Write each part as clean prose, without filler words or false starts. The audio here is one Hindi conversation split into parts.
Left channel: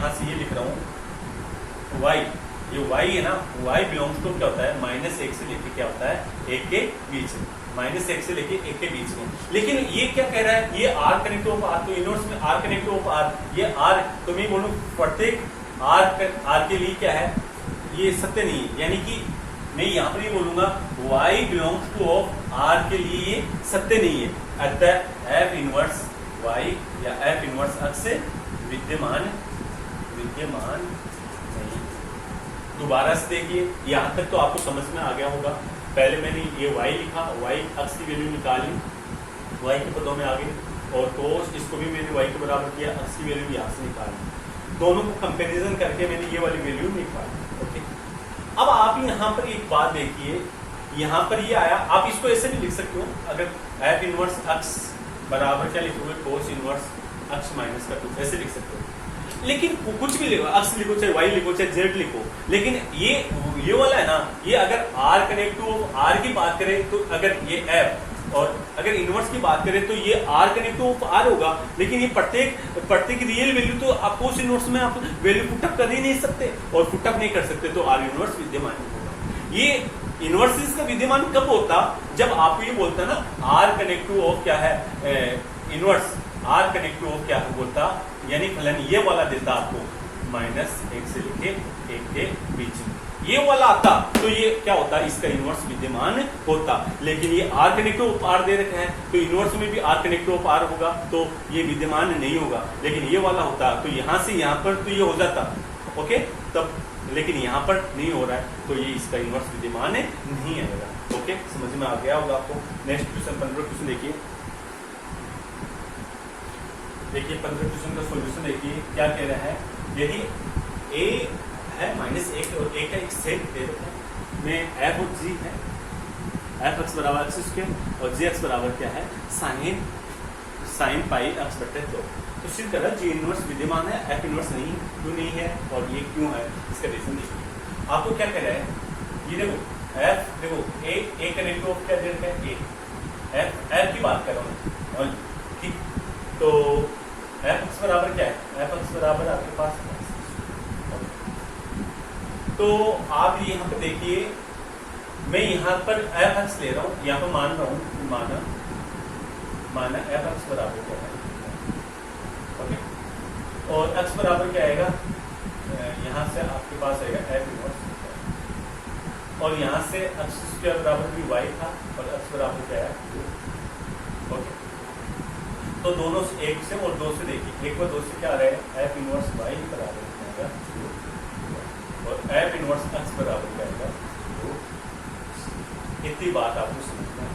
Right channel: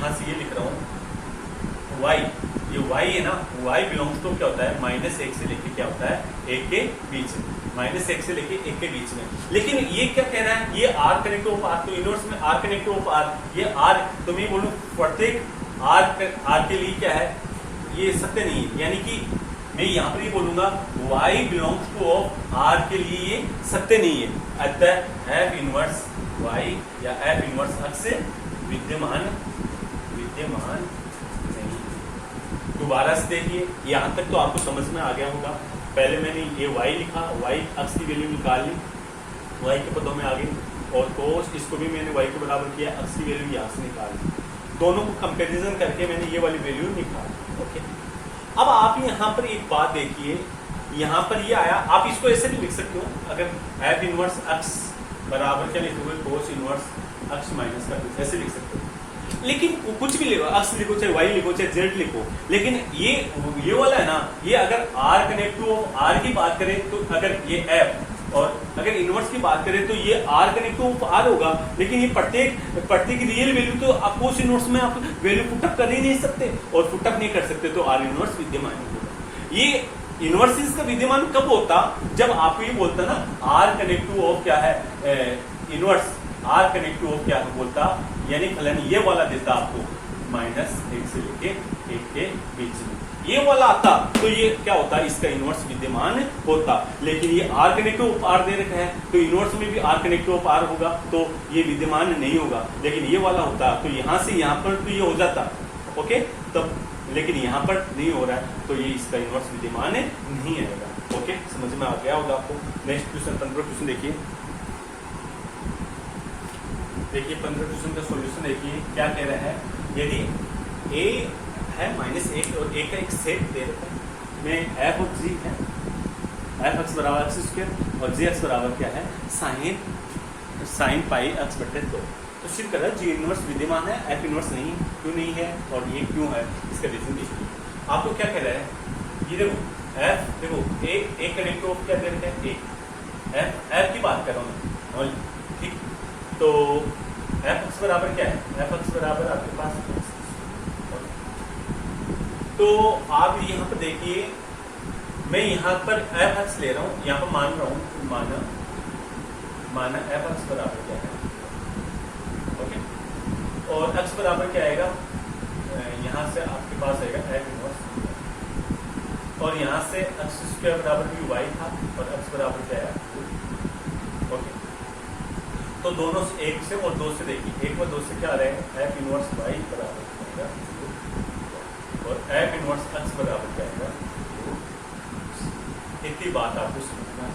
यहां से ये लिख रहा हूं y, ये y है ना, y बिलोंग्स टू क्या होता है माइनस एक से लेके क्या होता है एक के बीच में, माइनस एक से लेके एक के बीच में। लेकिन ये क्या कह रहा है, ये r कनेक्टिव ऑफ r, तो इनवर्स में r कनेक्टिव ऑफ r, ये r, तो मैं बोलूं प्रत्येक r के लिए क्या है, ये सत्य नहीं है, यानी कि मैं यहाँ पर ये बोलूंगा y belongs two of r के लिए ये सत्य नहीं है, अतः f इनवर्स y या f इनवर्स x से विद्यमान नहीं। दोबारा से देखिए, यहाँ तक तो आपको समझ में आ गया होगा। पहले मैंने ये y लिखा, y x की वैल्यू निकाली, y के पदों में आ गई, और cos इसको भी मैंने y के बराबर किया, x की वैल्यू यहाँ से निकाली, दोनों को कंपैरिजन करके मैंने ये वाली वैल्यू निकाली। ओके, अब आप यहाँ पर एक बात देखिए, यहाँ पर ये आया, आप इसको ऐसे भी लिख सकते हो, अगर f इनवर्स x बराबर क्या लिखोगे cos इनवर्स x माइनस का 2, ऐसे लिख सकते हो। लेकिन कुछ भी लिखो, x लिखो चाहे y लिखो चाहे z लिखो, लेकिन ये वाला है ना, ये अगर r कनेक्टिव ऑफ r की बात करें तो अगर ये f, और अगर इनवर्स की बात करें तो ये r कनेक्टिव ऑफ r होगा, लेकिन ये प्रत्येक रियल वैल्यू तो आपको उस इनवर्स में आप वैल्यू पुटअप कर ही नहीं सकते, और पुटअप नहीं कर सकते तो r इनवर्स विद्यमान होगा। ये इनवर्स का विद्यमान कब होता, जब आपको ये बोलता ना r कनेक्टिव ऑफ क्या है इनवर्स, r कनेक्टिव ऑफ क्या है बोलता, यानी फलन ये वाला देता आपको माइनस एक से लेके एक के बीच में, ये वाला आता तो ये क्या होता, इसका इनवर्स विद्यमान होता। लेकिन ये r कनेक्टिव ऑफ r दे रखा है तो इनवर्स में भी r कनेक्टिव ऑफ r होगा, तो ये विद्यमान नहीं होगा। लेकिन ये वाला होता तो यहां से यहां पर तो ये हो जाता, ओके, तब, लेकिन यहां पर नहीं हो रहा है तो ये इसका इनवर्स विद्यमान नहीं आएगा। ओके, समझ में आ गया होगा आपको। नेक्स्ट क्वेश्चन 15 क्वेश्चन देखिए, 15 क्वेश्चन का सॉल्यूशन देखिए क्या कह रहा है। यदि a है -1 और a का एक सेट दे रखा है, में f और g है, f x बराबर x स्क्वायर और g x बराबर क्या है साइन पाई x बटे 2, तो सिर्फ कह रहा है g इनवर्स विद्यमान है, f इनवर्स नहीं, क्यों नहीं है और ये क्यों है, इसका रीजन देखिए। आपको क्या कह रहा है, ये देखो f, देखो a कनेक्टिव ऑफ क्या दे रखा है f की बात कर रहा हूँ, ठीक, तो f(x) बराबर क्या है, f(x) बराबर आपके पास, तो आप यहाँ पर देखिए, मैं यहाँ पर f(x) ले रहा हूँ, यहाँ पर मान रहा हूँ, माना f(x) बराबर क्या है, ओके, और x बराबर क्या आएगा, यहाँ से आपके पास आएगा f इनवर्स, और यहाँ से x स्क्वायर बराबर भी y था और x बराबर क्या है, ओके, तो दोनों से, एक से और दो से देखिए, एक और दो से क्या आ रहा है, f इनवर्स y बराबर क्या आएगा, और f इनवर्स x बराबर क्या आएगा, इतनी बात आपको समझना है।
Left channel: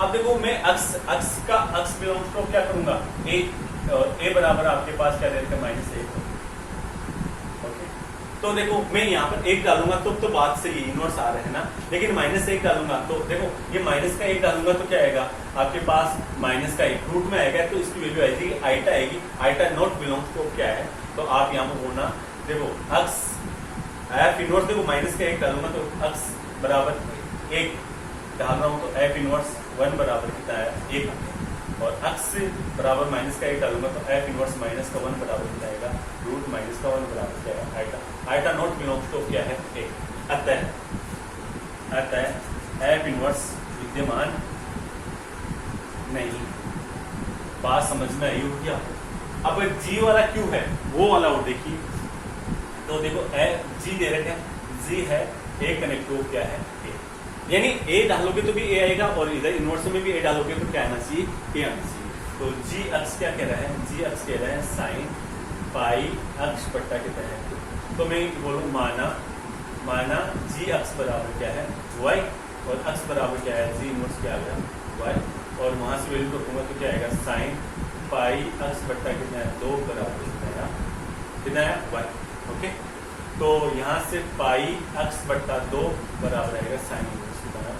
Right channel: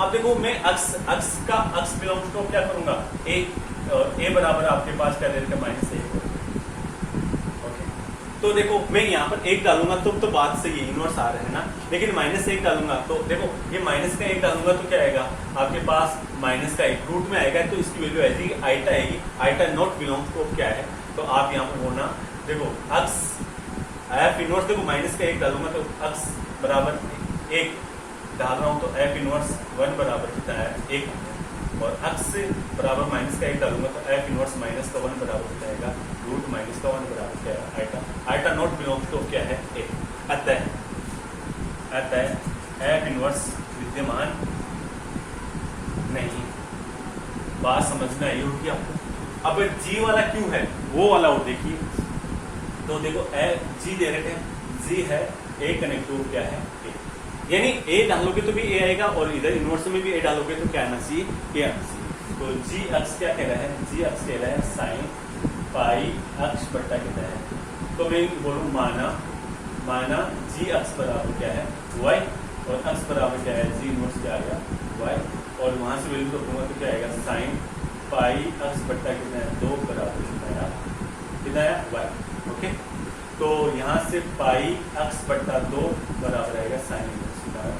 अब देखो मैं x बिलोंग्स टू क्या करूंगा, a बराबर आपके पास क्या देता है -1, ओके, तो देखो मैं यहाँ पर 1 डालूंगा तो बात सही है, इनवर्स आ रहा है ना, लेकिन -1 डालूंगा तो देखो ये माइनस का 1 डालूंगा तो क्या आएगा आपके पास माइनस का 1 रूट में आएगा, तो इसकी वैल्यू आएगी आइटा आएगी, आइटा नॉट बिलोंग्स टू क्या है, तो आप यहाँ पर बोलना, देखो x f इनवर्स, देखो माइनस का 1 डालूंगा तो x बराबर 1 डाल रहा हूँ, तो f इनवर्स 1 बराबर कितना है 1, और x बराबर माइनस का 1 डालूंगा तो f इनवर्स माइनस का 1 बराबर कितना आएगा, रूट माइनस का 1 बराबर क्या है iota, iota not belongs to क्या है 1, अतः f इनवर्स विद्यमान नहीं। बात समझ में आई होगी आपको। अब g वाला क्यों है वो वाला और देखिए, तो देखो g दे रखे हैं, g है a कनेक्टिव क्या है a, यानी a डालोगे तो भी a आएगा, और इधर इनवर्स में भी a डालोगे तो क्या आना चाहिए, a आना चाहिए। तो g x क्या कह रहा है, g x कह रहा है साइन पाई x बट्टा कितना है, तो मैं बोलूँ माना g x बराबर क्या है y, और x बराबर क्या है g इनवर्स क्या आ गया y, और वहां से वैल्यू रखूंगा तो क्या आएगा साइन पाई x बट्टा कितना है 2 बराबर कितना है y, ओके, तो यहाँ से पाई x बट्टा 2 बराबर आएगा साइन इनवर्स की तरह,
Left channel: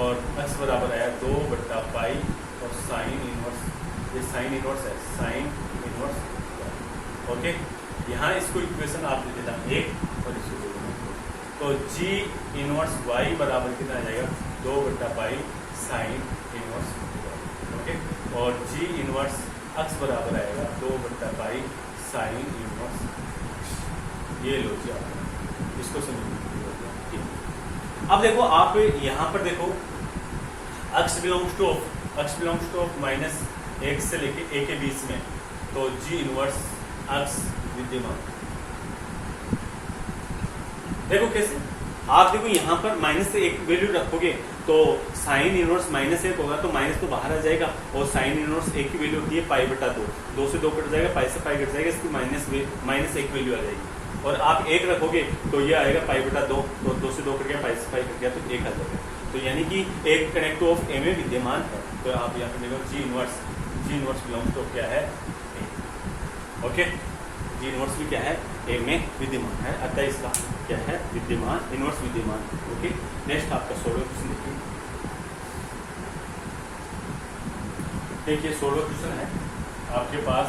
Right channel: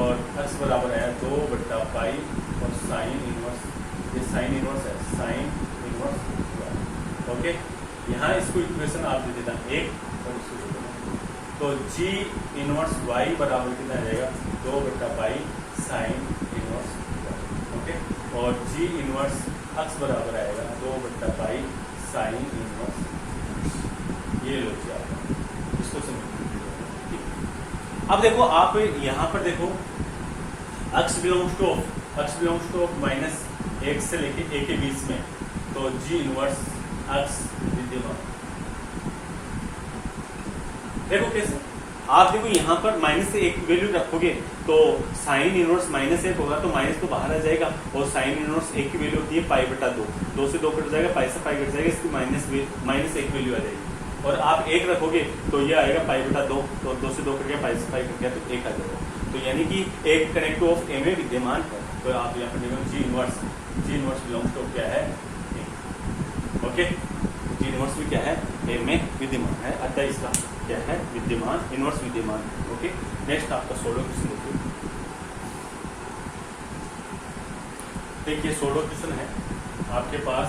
और x बराबर आया 2 बट्टा पाई और साइन इनवर्स, ये साइन इनवर्स है साइन इनवर्स, ओके, यहाँ इसको इक्वेशन आप दे देना 1 और इसको दे देना, तो g इनवर्स y बराबर कितना आ जाएगा 2 बट्टा पाई साइन इनवर्स, ओके, और g इनवर्स x बराबर आएगा 2 बट्टा पाई साइन इनवर्स, ये लो जी आप इसको समझिए। अब देखो आप यहाँ पर देखो x belongs two of minus एक से लेके a के बीच में, तो g इनवर्स x विद्यमान। देखो कैसे, आप देखो यहाँ पर माइनस से एक वैल्यू रखोगे तो साइन इनवर्स माइनस एक होगा, तो माइनस तो बाहर आ जाएगा, और साइन इनवर्स एक की वैल्यू होती है पाई बटा 2, 2 से 2 कट जाएगा, पाई से पाई कट जाएगा, इसकी माइनस एक वैल्यू आ जाएगी। और आप एक रखोगे तो ये आएगा पाई बटा 2, तो 2 से 2 कट गया, पाई से पाई कट गया, तो एक आ जाएगा। तो यानी कि एक कनेक्टिव ऑफ ए में विद्यमान है, तो आप यहाँ पर देखो जी इनवर्स बिलोंग्स टू क्या है, ओके, जी इनवर्स भी क्या है, ए में विद्यमान है, अतः इसका क्या है, विद्यमान, इनवर्स विद्यमान। ओके, नेक्स्ट आपका सोलर क्वेश्चन देखिए सोलर क्वेश्चन है आपके पास,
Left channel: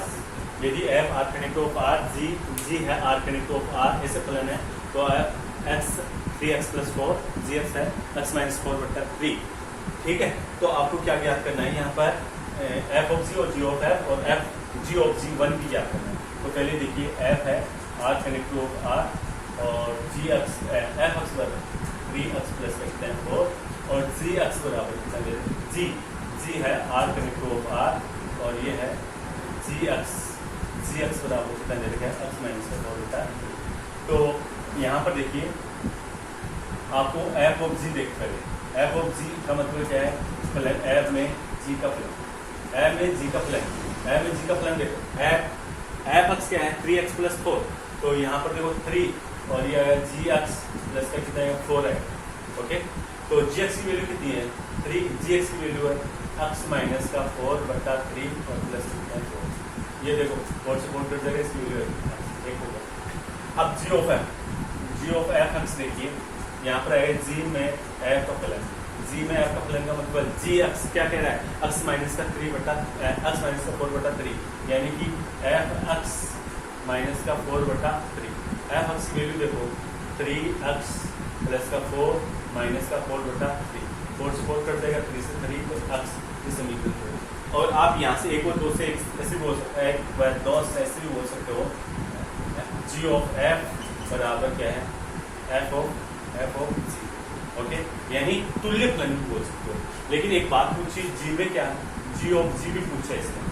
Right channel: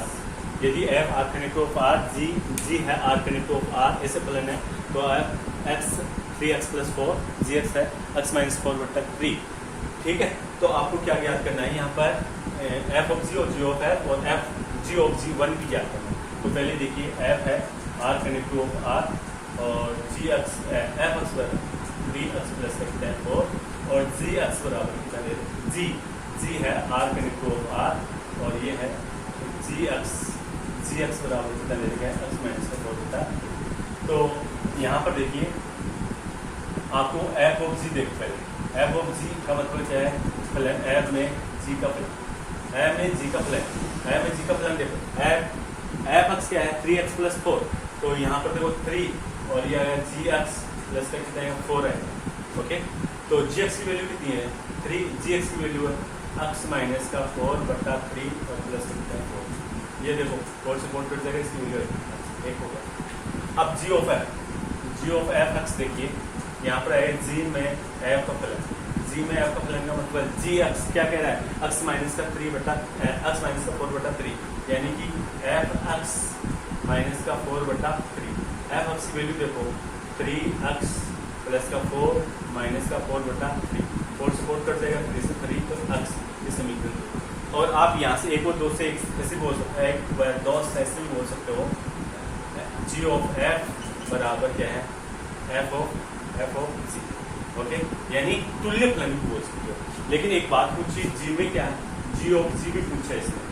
यदि F R connective of R, G है आर कनेक्टिव ऑफ आर, ऐसे प्लान है, तो एक्स 3x + 4, जी एक्स है x - 4 बटा 3, ठीक है। तो आपको क्या ज्ञात करना है यहाँ पर, एफ ऑफ जी और जी ऑफ एफ, और एफ जी ऑफ जी 1 की ज्ञात करना है। तो पहले देखिए एफ है आर कनेक्टिव ऑफ आर, और जी एक्स एफ एक्स बराबर 3x + x tan 4, और जी एक्स बराबर कितना ले रहे, जी है आर कनेक्टिव ऑफ आर, और ये है जी एक्स बराबर कितना ले रखा है, x - 4 बटा। तो यहाँ पर देखिए आपको एफ ऑफ जी देख कर, एफ ऑफ जी का मतलब क्या है, फलन एफ में जी का फलन, एफ में जी का फलन देखो, एफ एक्स क्या है 3x + 4, तो यहाँ पर देखो 3, और ये अगर जी एक्स प्लस का कितना है 4 है, ओके। तो जी एक्स की वैल्यू कितनी है 3, जी एक्स की वैल्यू है x - 4 बटा 3 और प्लस 4, ये देखो 4 से 4 कट जाएगा, इसकी वैल्यू एक होगा। अब जी ऑफ एफ एक्स देखिए, यहाँ पर है जी में एफ का फलन, का मतलब जी एक्स क्या कह रहा है, x - 3 बटा x - 4 बटा 3, यानी कि एफ एक्स - 4 बटा 3, एफ एक्स की वैल्यू देखो 3x + 4 - 4 बटा 3, 4 से 4 कट जाएगा, 3 से 3 तो x, ये समीकरण। और आप यहाँ से 1 और 2 से ऐसे बोल सकते हैं, 1 2 से ऐसे भी बोल सकते हो, जी ऑफ एफ बराबर क्या है, एफ ऑफ जी, ओके, यानी तुल्य फलन भी बोल सकते हो। लेकिन एक बात पूछी, जी में क्या है, जी ऑफ जी भी पूछा है इसमें,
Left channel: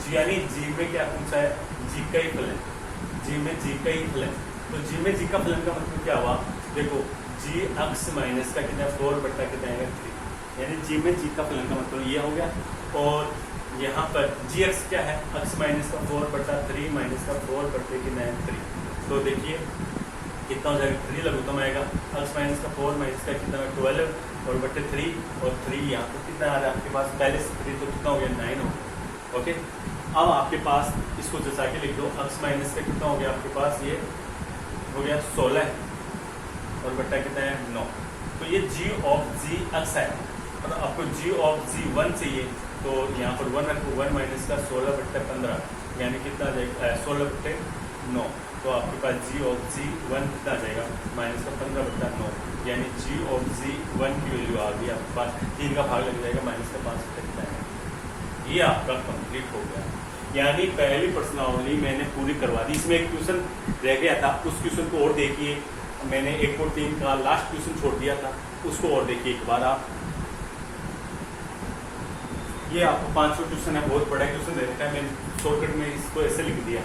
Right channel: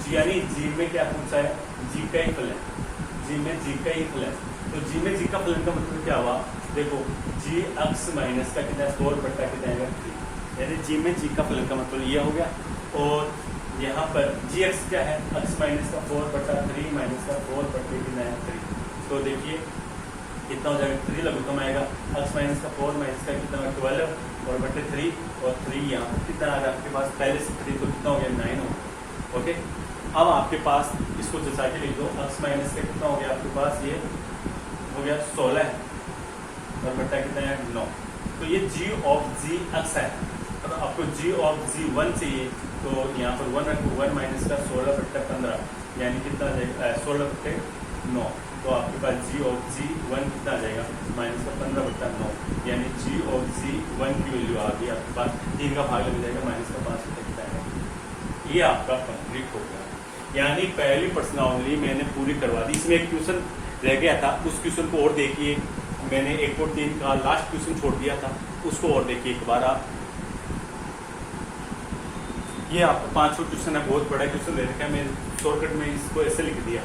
जी यानी जी में क्या पूछा है, जी का ही फलन, जी में जी का ही फलन। तो जी में जी का फलन का मतलब क्या हुआ, देखो जी एक्स माइनस का कितना 4 बटा कितना है 3, यानी जी में जी का फलन का मतलब ये हो गया। और यहाँ पर जी एक्स क्या है, एक्स - 4 बटा 3 - 4 बटे कितना है 3, तो देखिए कितना हो जाएगा, 3 लघुत्तम आएगा, x - 4 - का कितना 12 और बटे 3, और 3 यहाँ पर कितना आ रहा है आपके पास, पहले से 3 तो कितना हो गया 9 हो गया, ओके। अब आपके पास इसको जैसा के लिख दो, x - का कितना हो गया आपके पास, ये हो गया 16 और बटा कितना है 9, तो ये जी ऑफ जी एक्स है। और आपको जी ऑफ जी 1 चाहिए, तो यहाँ पर 1 रखो, 1 - का 16 बट्टा 15, यानी कितना आ जाएगा 16 बट्टे 9, तो आपके पास जी ऑफ जी 1 कितना आ जाएगा -15 बट्टा 9, यानी जी ऑफ जी 1 की वैल्यू आ गई आपके पास, 3 का भाग लग जाएगा, -5 बट्टा कितना आएगा, ये आपका कंप्लीट हो गया। यानी पहली प्रश्नावली मैंने पूरी करवा दी। इसमें एक क्वेश्चन रह गया था, उस क्वेश्चन को और देखिए, मैंने 1 और 3 का लास्ट क्वेश्चन छोड़ दिया था, उसको और देखिए एक बार आप। ये आपका 5वां क्वेश्चन है, बहुत बड़ा क्वेश्चन दे रखा है, मैंने शॉर्टकट में इसको ऐसे लिख दिया।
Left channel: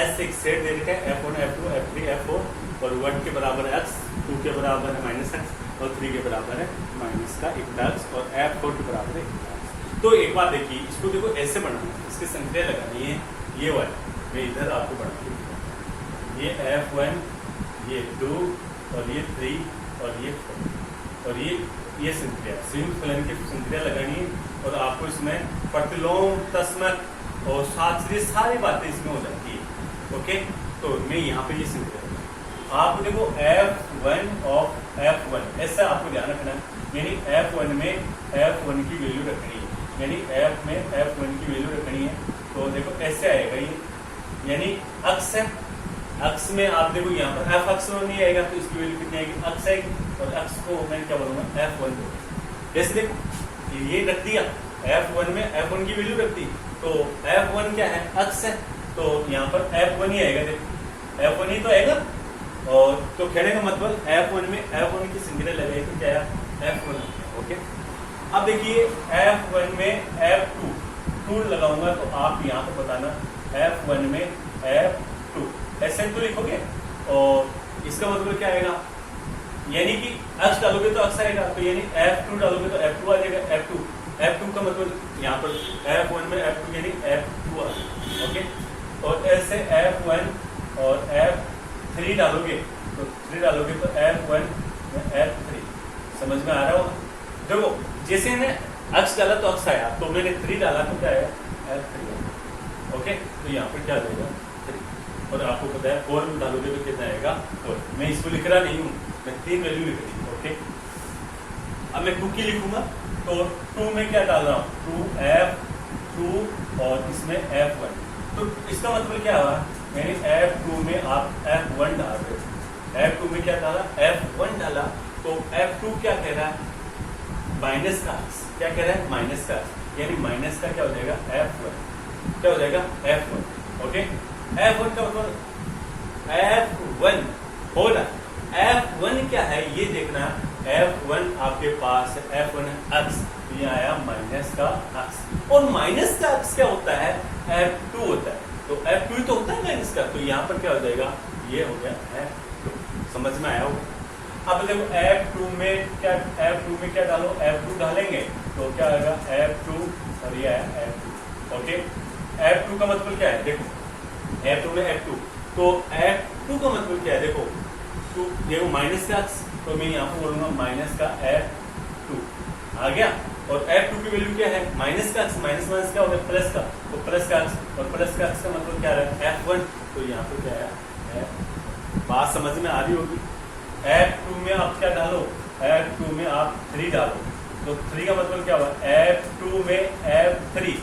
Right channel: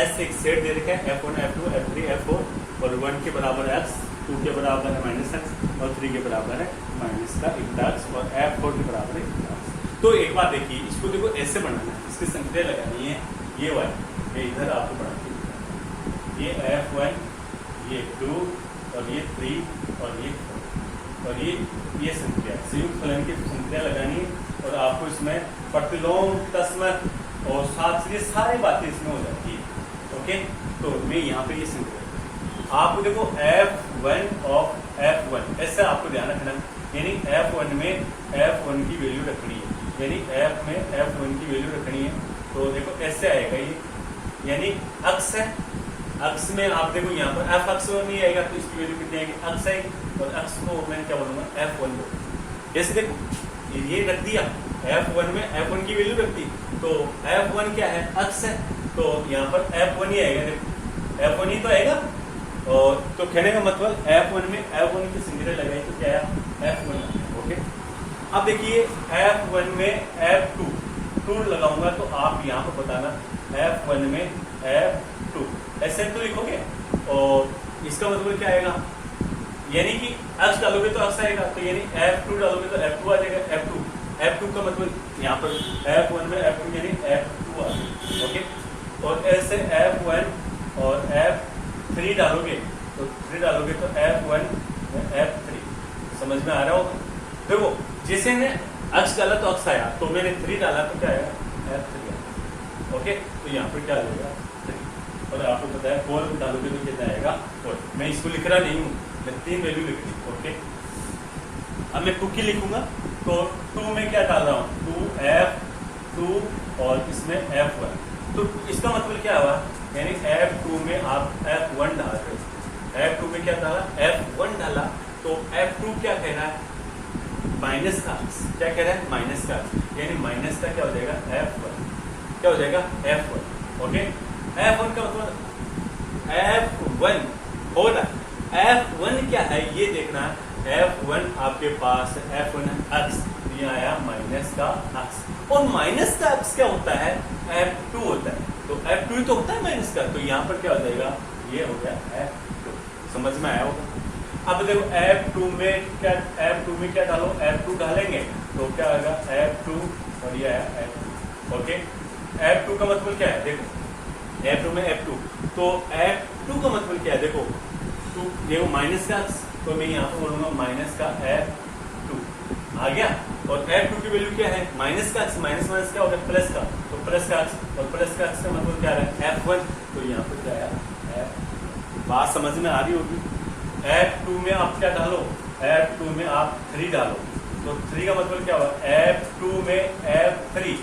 एस एक सेट दे रखा है, F1 F2 F3 F4, और 1 के बराबर है x, 2 के बराबर है -x, और 3 के बराबर है -1x, और F4 के बराबर है 1x। तो एक बार देखिए, इसको देखो ऐसे बनाना, इसकी संख्या लगानी है, ये वाली मैं इधर आपको बना के दिखाता हूं, ये F1, ये 2, और ये 3, और ये 4, और ये संख्या संयुक्त फलन की संख्या लगानी है, और आपको इसमें प्रतिलोम तस्मत और साथ ये सारी बातें इसमें हो जाती है, ओके। तो मैं यहाँ पे ये संख्या आपको देखो F1 ऑफ F1 ऐसा आपको ध्यान रखना, यानी F1 में F1 की वैल्यू रखनी है, यानी F में F1 की वैल्यू रखनी है, तो देखो ऐसे आएगा ये, यानी अक्स है, अक्स में आप देखो यहाँ पर F अक्स में नहीं आएगा, तो इसकी वैल्यू कितनी आएगी, अक्स आएगी, और अक्स को मैंने क्या बोलूंगा F1 को, जैसे देखो ये रख दिया, F1 में F1 की वैल्यू रख दी, तो F1 क्या है, अक्स है, तो यहाँ पर F1 ही आएगा, देखो F1 ही तो आएगा। और तो कहने का मतलब F1 में F1 की सिंगुलर लगाई तो क्या आया F1। ओके, अब देखिए F1 में F2 लगाऊंगा तो आप यहाँ पर बताना F1 में F2 ऐसे तो लिखोगे और इसका मतलब क्या आएगा, यानी कि x डालोगे तो x आएगा, तो यानी F2 डालोगे तो F2 आ जाएगा। F2 का मतलब यहाँ पर F1 में F2 यानी F2 आ जाएगा। ओके, और ऐसे F1 और F3 डालोगे तो 3 डालोगे तो F1 में F3। समझ में आ रहा होगा? देखो जैसे मैंने x डाला तो x आया, तो मैंने 3 डाला तो क्या आया F3 आया। ओके, तो यहाँ पर क्या आ जाएगा 3, और आपको पता है 4 डालोगे तो कितना आएगा 4। मैं इसको लिख रहा नहीं हूँ, मैं 3 वैल्यू लिख रही हूँ। ओके, अब मैं 2 की लिखूंगा तो 2 में क्या डाल रहा हूँ 2F2 और इसमें F1। तो इसका मतलब क्या हुआ, यानी F2 में आप F1 डाल रहे हो, F2 में क्या डाला F1 डाला, तो F2 क्या कह रहा है माइनस का, क्या कह रहा है माइनस का, यानी माइनस का क्या हो जाएगा F1, क्या हो जाएगा F1। ओके, F1 का मतलब F1 हो ना, F1 क्या है ये देखना, F1 आपके पास F1 x, ये आया माइनस का x, और माइनस का x क्या होता है F2 होता है, तो F2 ही तो होता है माइनस का, तो यहाँ पर क्या हो जाएगा ये हो गया F2। समझ में आया होगा? अब देखो F2 में क्या डालो, F2 डालेंगे तो क्या होगा F2 और ये है F2। ओके, F2 का मतलब क्या है, देखो F2 में F2, तो F2 का मतलब क्या है, देखो ये माइनस का x, तो मैं यहाँ पर बोलूंगा माइनस का F2 आ गया, और F2 की वैल्यू क्या है माइनस का x, माइनस माइनस क्या होगा प्लस का, तो प्लस का x, और प्लस का x का मतलब क्या है F1, तो यहाँ पर क्या है F। बात समझ में आ रही होगी? F2 में आप क्या डालो, F2 में आप 3 डालो, तो 3 का मतलब क्या हुआ F2 में F3।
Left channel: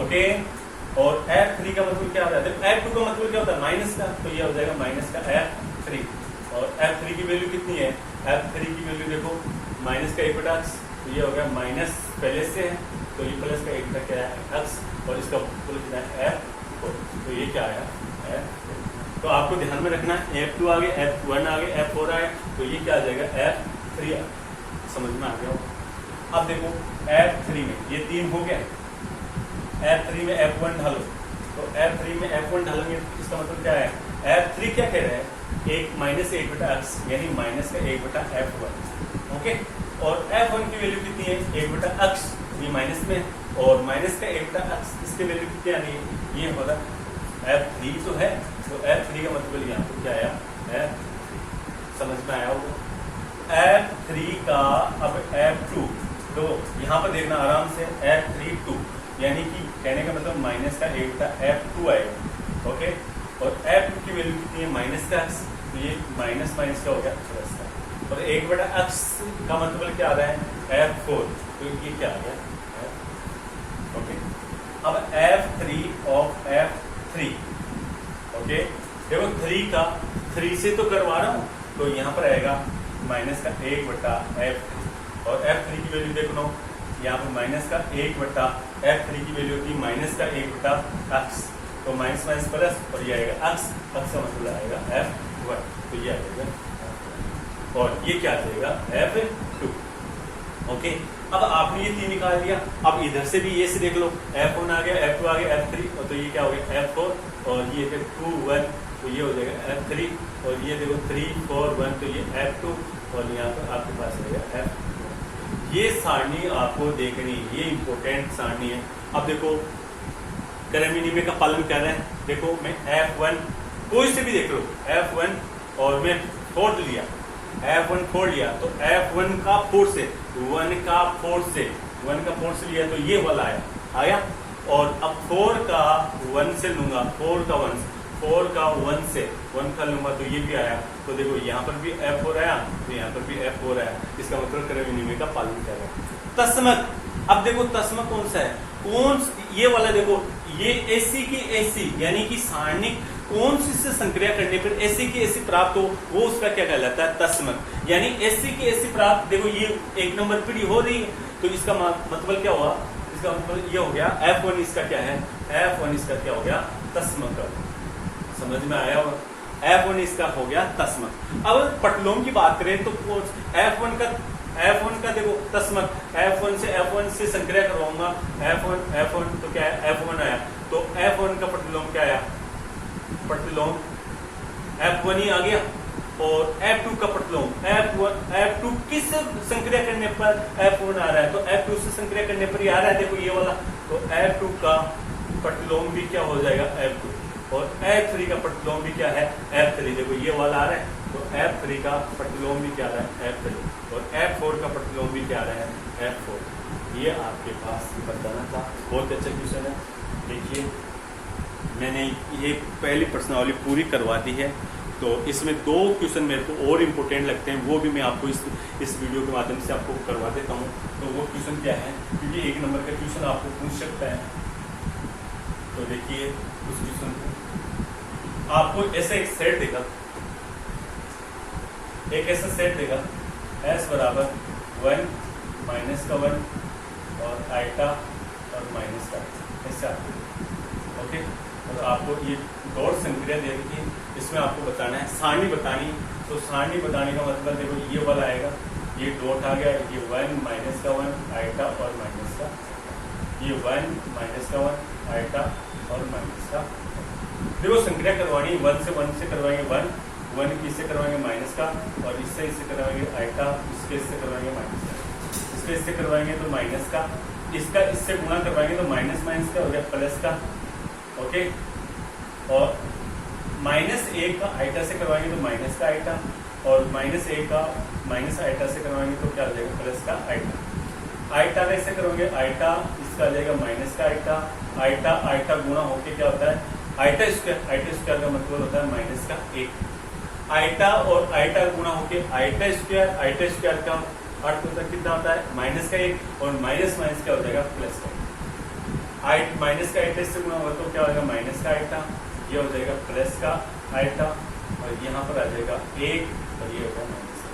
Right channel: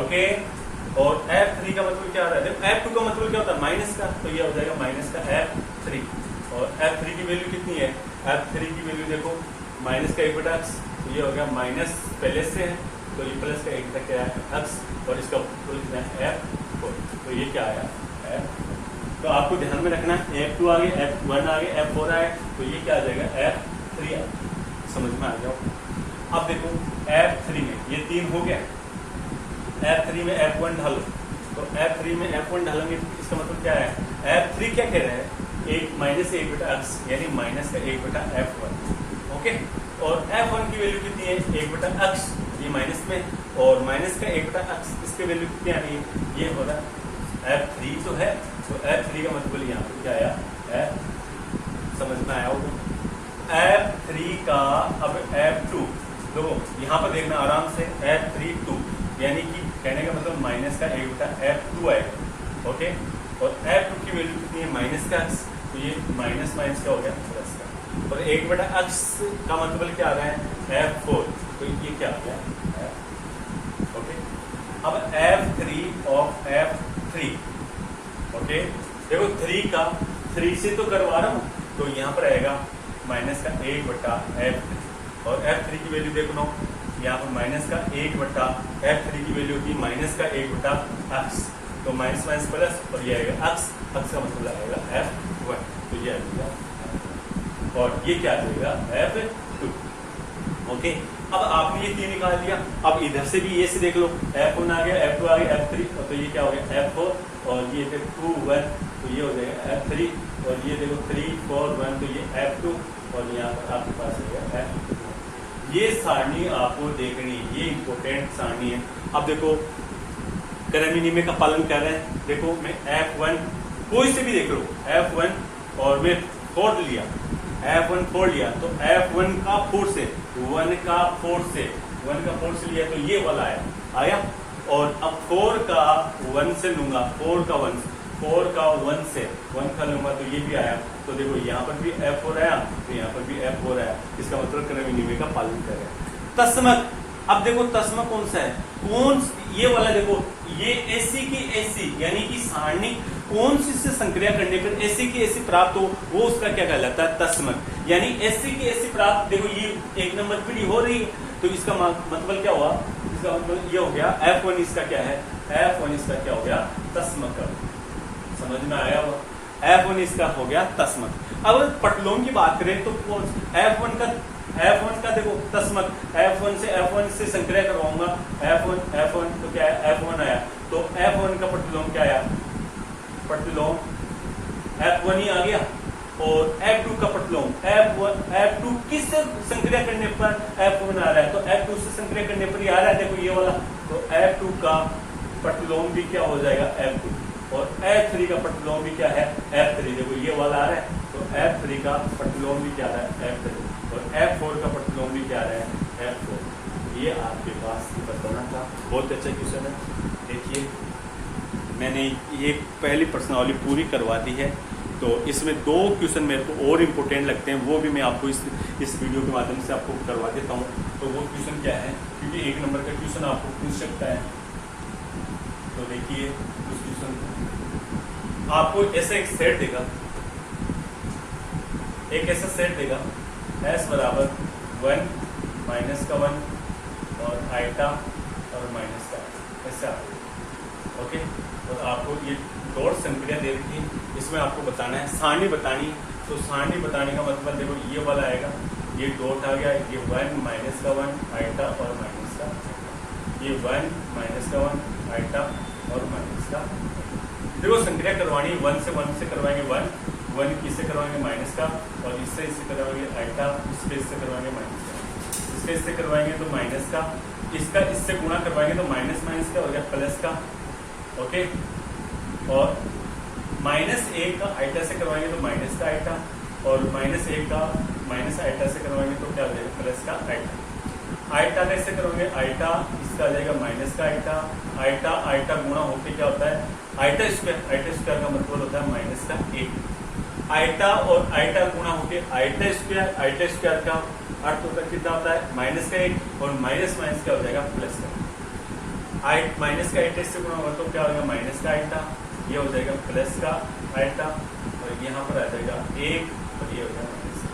ओके, और F3 का मतलब क्या आ रहा है, F2 का मतलब क्या होता है माइनस का, तो ये हो जाएगा माइनस का F3। और F3 की वैल्यू कितनी है, F3 की वैल्यू देखो माइनस का 1/x, तो ये हो गया माइनस पहले से है, तो ये प्लस का 1 क्या है x, और इसका फुल कितना है F4, तो ये क्या आया F। तो आपको ध्यान में रखना है F2 आ गया, F1 आ गया, F4 आया, तो ये क्या आ जाएगा F3 आ। समझ में आ गया? अब देखो F3 में ये 3 हो गया, F3 में F1 डालो, तो F3 में F1 डालेंगे तो इसका मतलब क्या है F3 क्या कह रहा है एक माइनस 1/x, यानी माइनस का 1/F1। ओके, और F1 की वैल्यू कितनी है 1/x, ये माइनस में, और माइनस का 1/x इसकी वैल्यू कितनी आ रही है, ये हो रहा है F3 तो है, तो F3 का मतलब यहाँ पर क्या आया F। समझ में आया होगा? F3 का अब F2 तो यहाँ पर देखना आराम से F3 2, यानी कि कहने का मतलब माइनस का 1/F2 आएगा। ओके, और F2 की वैल्यू कितनी है माइनस का x, तो ये माइनस माइनस का हो गया प्लस का, और 1/x का मतलब क्या आ रहा है F4, तो ये क्या आ गया F। ओके, अब F3 ऑफ F3। ओके, देखो 3 का 3 से तो करवा रहा हूँ, तो यहाँ पर आएगा माइनस का 1/F, और F3 की वैल्यू देखो ना, यहाँ पर माइनस का 1/F3 की वैल्यू थी माइनस का 1/x, तो माइनस माइनस प्लस, और ये आएगा x का मतलब आएगा F1, तो ये आएगा, और ये क्या आ जाएगा F2। ओके, अब आपने ये 3 निकाल लिया, अब इधर से भी ये से देख लो, F1 आ गया, F2 आ गया, F3, और तो ये क्या हो गया F4, और ये देखो 2 1, तो ये हो जाएगा F3, और ये देखो 3 4 1, तो ये F2, और यहाँ पर आपके पास हो गया F। ये सारणी आपको देखनी, ये इंपॉर्टेंट सारणी है। अब देखो कर्म नियम का पालन कर रहे हैं, देखो मैं F1 कोई से भी देख लो, F1 और मैं 4 लिया, F1 4 लिया, तो F1 का 4 से 1 का 4 से 1 का 4 से लिया, तो ये वाला आया, और अब 4 का 1 से लूंगा, 4 का 1 से 1 का लूंगा, तो ये भी आया, तो देखो यहाँ पर भी F4 आया, तो यहाँ पर भी F4 आया, इसका मतलब कर्म नियम का पालन कर रहे हैं। तस्मक, अब देखो तस्मक कौन सा है, ये वाला देखो, ये AC की AC यानी कि सारणी कौन सी से संक्रिया करने पर AC की AC प्राप्त हो, वो उसका क्या कहलाता है तस्मक, यानी AC की AC प्राप्त। देखो ये 1 नंबर पीढ़ी हो रही है, तो इसका मतलब क्या हुआ, इसका मतलब ये हो गया F1 इसका क्या है, F1 इसका क्या हो गया, तस्मक। समझ में आया हुआ, F1 इसका हो गया तस्मक। अब पटलोम की बात करें तो F1 का देखो तस्मक, F1 से संक्रिया करवाऊंगा, F1 तो क्या है, F1 आया, तो F1 का पटलोम क्या आया, पटलोम F1 ही आ गया। और F2 का पटलोम F2 किस संक्रिया करने पर F1 आ रहा है, तो F2 से संक्रिया करने पर ही आ रहा है, देखो ये वाला, तो F2 का पटलोम भी क्या हो जाएगा, F2। और F3 का पटलोम भी क्या है, F3, देखो ये वाला आ रहा है, तो F3 का पटलोम भी क्या आ रहा है, F3। और F4 का पटलोम भी क्या आ रहा है, F4। ये आपके पास बताना था, बहुत अच्छा क्वेश्चन है। देखिए मैंने ये पहली प्रश्नावली पूरी करवा दी है, तो इसमें 2 क्वेश्चन मेरे को और इम्पोर्टेंट लगते हैं, वो भी मैं आपको इस वीडियो के माध्यम से आपको करवा देता हूँ। तो वो क्वेश्चन क्या है, क्योंकि 1 नंबर का क्वेश्चन आपको पूछ सकता है। तो देखिए उस क्वेश्चन को आपको ऐसा एक सेट देगा, एक ऐसा सेट देगा S बराबर 1 माइनस का 1 और आइटा और माइनस का ऐसे आपको, ओके। और आपको ये डॉट संक्रिया दे रखी है, इसमें आपको बताना है सारणी बतानी। तो सारणी बताने का मतलब देखो ये वाला आएगा, ये डॉट आ गया, ये 1 माइनस का 1 आइटा और माइनस का, ये 1 माइनस का 1 आइटा और माइनस का। देखो संक्रिया करवानी 1 से करवाएंगे 1 किससे करवाएंगे, माइनस का, और इससे करवाएंगे आइटा, इससे करवाएंगे माइनस का, इससे करवाएंगे तो माइनस का, इसका इससे गुणा करवाएंगे तो माइनस का हो गया प्लस का, ओके। और -1 का आइटा से करवाएंगे तो माइनस का आइटा, और -1 का माइनस आइटा से करवाएंगे तो क्या हो जाएगा, प्लस का आइटा। आइटा में से करोगे आइटा, इसका आ जाएगा माइनस का आइटा, आइटा गुणा होके क्या होता है, आइटा स्क्वायर का मतलब होता है माइनस का 1। आइटा और आइटा गुणा होके आइटा स्क्वायर का अर्थ होता है कितना होता है, माइनस का 1, और माइनस क्या हो जाएगा, प्लस का। माइनस का आइटा से गुणा होगा तो क्या हो जाएगा, माइनस का आइटा, ये हो जाएगा प्लस का आइटा, और यहाँ पर आ जाएगा 1, और ये हो जाएगा माइनस का।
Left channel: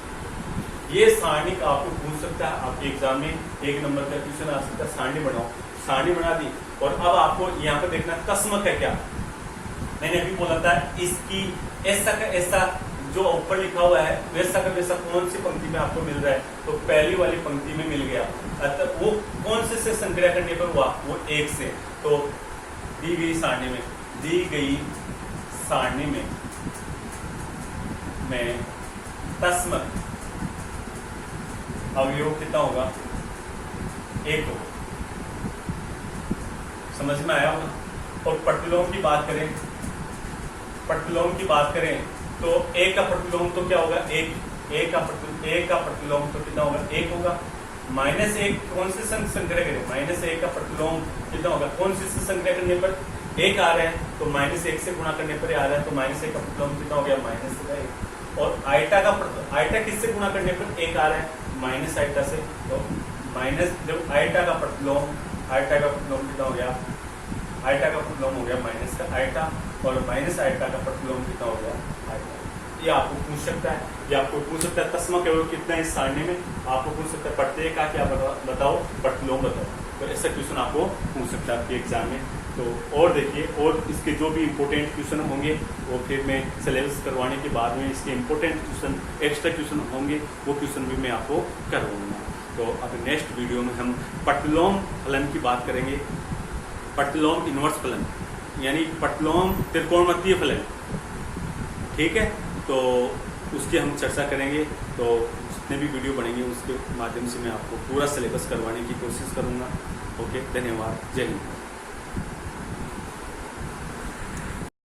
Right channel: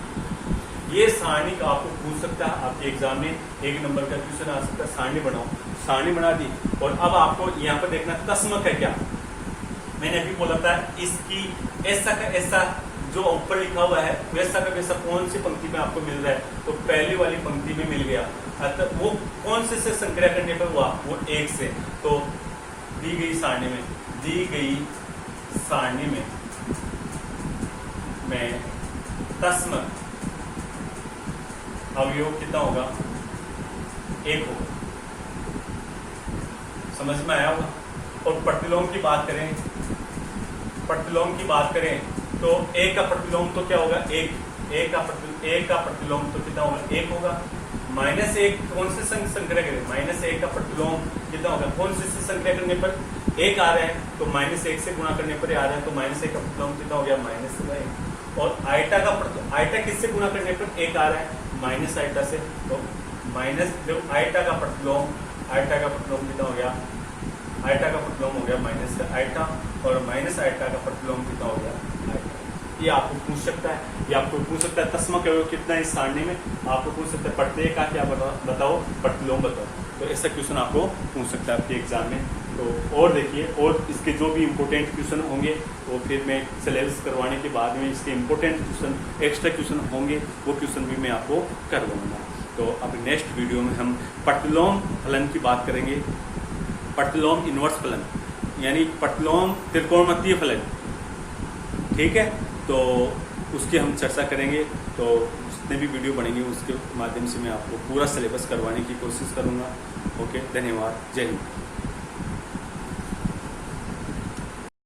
ये सारणी का आपको पूछ सकता है, आपके एग्जाम में 1 नंबर का क्वेश्चन आ सकता है, सारणी बनाओ। सारणी बना दी, और अब आपको यहाँ पर देखना तस्मक है क्या। मैंने अभी बोला था इसकी ऐसा का ऐसा जो ऊपर लिखा हुआ है वैसा का वैसा कौन सी पंक्ति में आपको मिल रहा है, तो पहली वाली पंक्ति में मिल गया। अतः वो कौन से संक्रिया करने पर हुआ, वो 1 से। तो दी गई सारणी में तस्मक अवयव कितना होगा, 1 होगा। समझ में आया होगा। और पटलोम की बात करें तो A का प्रतिलोम तो क्या होगा, 1। A का प्रतिलोम तो कितना होगा, 1 होगा। -1 कौन से संक्रिया करें, -1 का प्रतिलोम कितना होगा, कौन से संक्रिया करने पर 1 आ रहे हैं, तो -1 से गुणा करने पर आ रहा है, तो -1 का प्रतिलोम कितना हो गया, -1। और आइटा किससे गुणा करने पर 1 आ रहा है, माइनस आइटा से, तो जब आइटा का प्रतिलोम कितना हो गया, आइटा का प्रतिलोम हो गया माइनस का आइटा, और माइनस आइटा का प्रतिलोम कितना हो गया, आइटा। ये आपको पूछ सकता है, तस्मक अवयव कितना इस सारणी में, आपको पूछ सकता है प्रत्यय का क्या बताओ, प्रतिलोम बताओ। तो ऐसा क्वेश्चन आपको पूछ सकता है आपके एग्जाम में। तो और देखिए, और इसके जो भी इम्पोर्टेंट क्वेश्चन होंगे वो फिर मैं सिलेबस करवाने के बाद में इसके इम्पोर्टेंट क्वेश्चन, एक्स्ट्रा क्वेश्चन होंगे, वो क्वेश्चन भी मैं आपको करवाऊंगा। तो अब नेक्स्ट वीडियो में हम पटलोम फलन की बात करेंगे, पटलोम इनवर्स फलन, यानी पटलोम त्रिकोणमितीय फलन, ठीक है। तो उसकी हम चर्चा करेंगे। तो जितने भी वीडियो बनेंगे उसके माध्यम से मैं आपको पूरा सिलेबस करवाने की कोशिश करूंगा। ओके, धन्यवाद, जय हिंद।